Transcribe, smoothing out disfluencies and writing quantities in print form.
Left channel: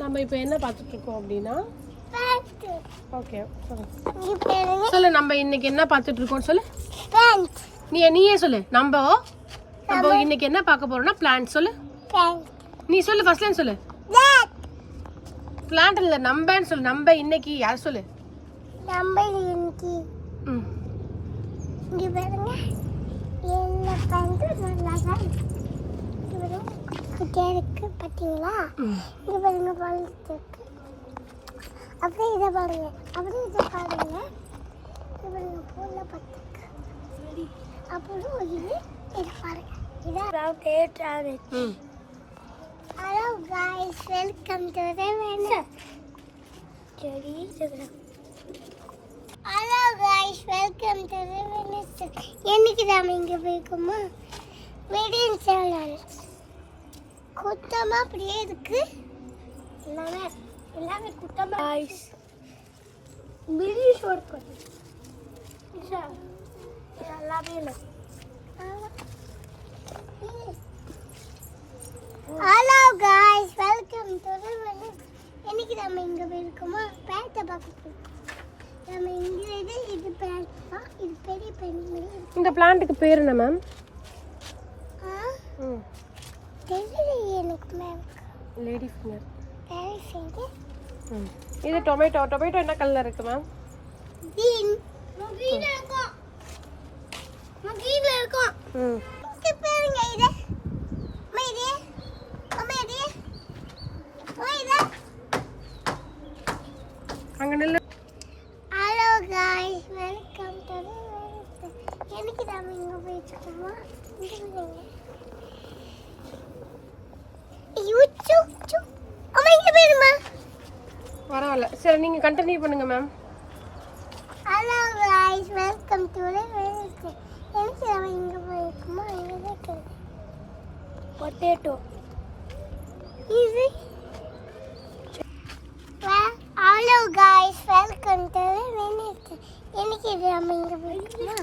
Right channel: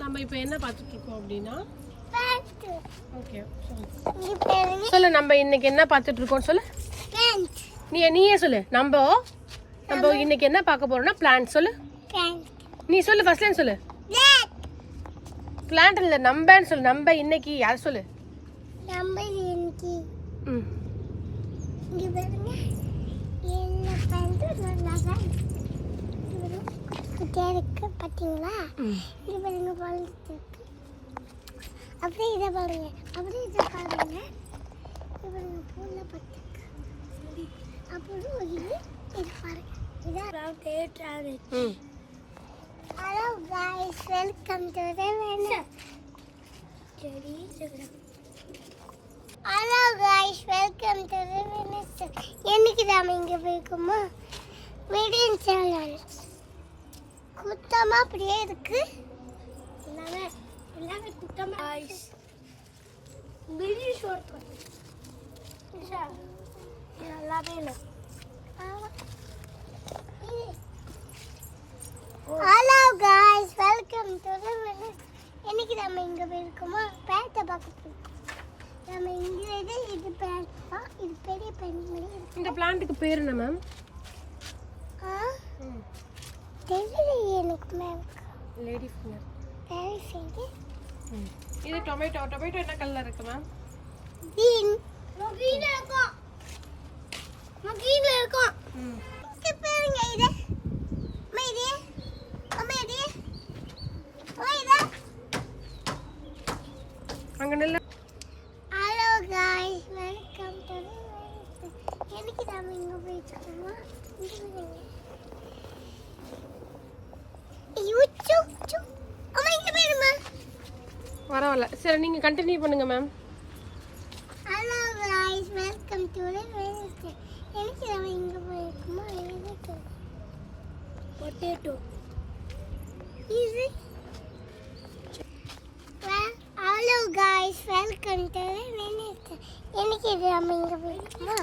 நம்ம இப்போ என்ன பார்த்துட்டு இருக்கோம் அப்படின்னா plant. ஓகே சொல்லு இங்க பாருங்க சொல்லு நம்ம இன்னைக்கு என்ன பார்த்துட்டு இருக்கோம் சொல்லு plant. நீயே சொல்லு நம்ம இன்னைக்கு என்ன பார்க்க போறோம்னா பிளான்ட் சொல்லு plant. நீ சொல்லு ஃபர்ஸ்ட் லைன் சொல்லு plant. பிளான்ட் இல்ல நம்பன்னு சொல்லு நம்ம இன்னைக்கு யார் சொல்லு நம்ம இன்னைக்கு ம் இங்க பாருங்க என்ன plant நல்லா தான் இருக்கு. இங்க பாருங்க குட்டியா இருக்கு பாத்தீங்களா இங்க பாருங்க வளர்ந்துட்டு இருக்கு அப்படியே இதை பாருங்க அப்படியே இதை பாருங்க இங்க பாருங்க பூல பத்துக்கு அப்புறம் இது பாருங்க இதான் தேட்டாரு ம் hello guys welcome to the Venus சரி hello guys welcome to the Venus என்னைக்கு நாம இங்க போய்க்குமா மீடியம் சேனல் குத்தமா அப்படியே இருக்கு எல்லாமே குத்தமா गाइस வீடியோ ஷூட் பண்ணு எல்லாமே இல்லை hello guys welcome to the Venice இன்னைக்கு நாம இங்க போயிருக்கோமா பேட்டை பார்க்க போறோம் நாம இங்க இது பேட்டா இது பெரிய பெரிய இந்த பிளான்ட்டுக்கு பேர் என்ன மேம் ம் தெரியல எனக்கு ma'am lady finger very finger ம் இது டொமேட்டோ என்ன கலர்ல இருக்கு மேம் green green இருக்கும் green இருக்கும் ம் இது பாருங்க இது மேரி மேரி ஓய்தா அங்க நில்லு hello guys welcome to the Venice எனக்கு நாம இங்க போயிட்டோமா யூச்சு அம்மா இங்க போயிருமா பரவாயில்ல சரி நீங்க கண்டினியூ பண்ணுங்க ma'am hello guys welcome to the Venice எனக்கு நாம இங்க போயிருக்கோமா இங்க இருக்கு பொட்டேட்டோ இது hello guys welcome to the Venice எனக்கு நாம இங்க போயிருக்கோமா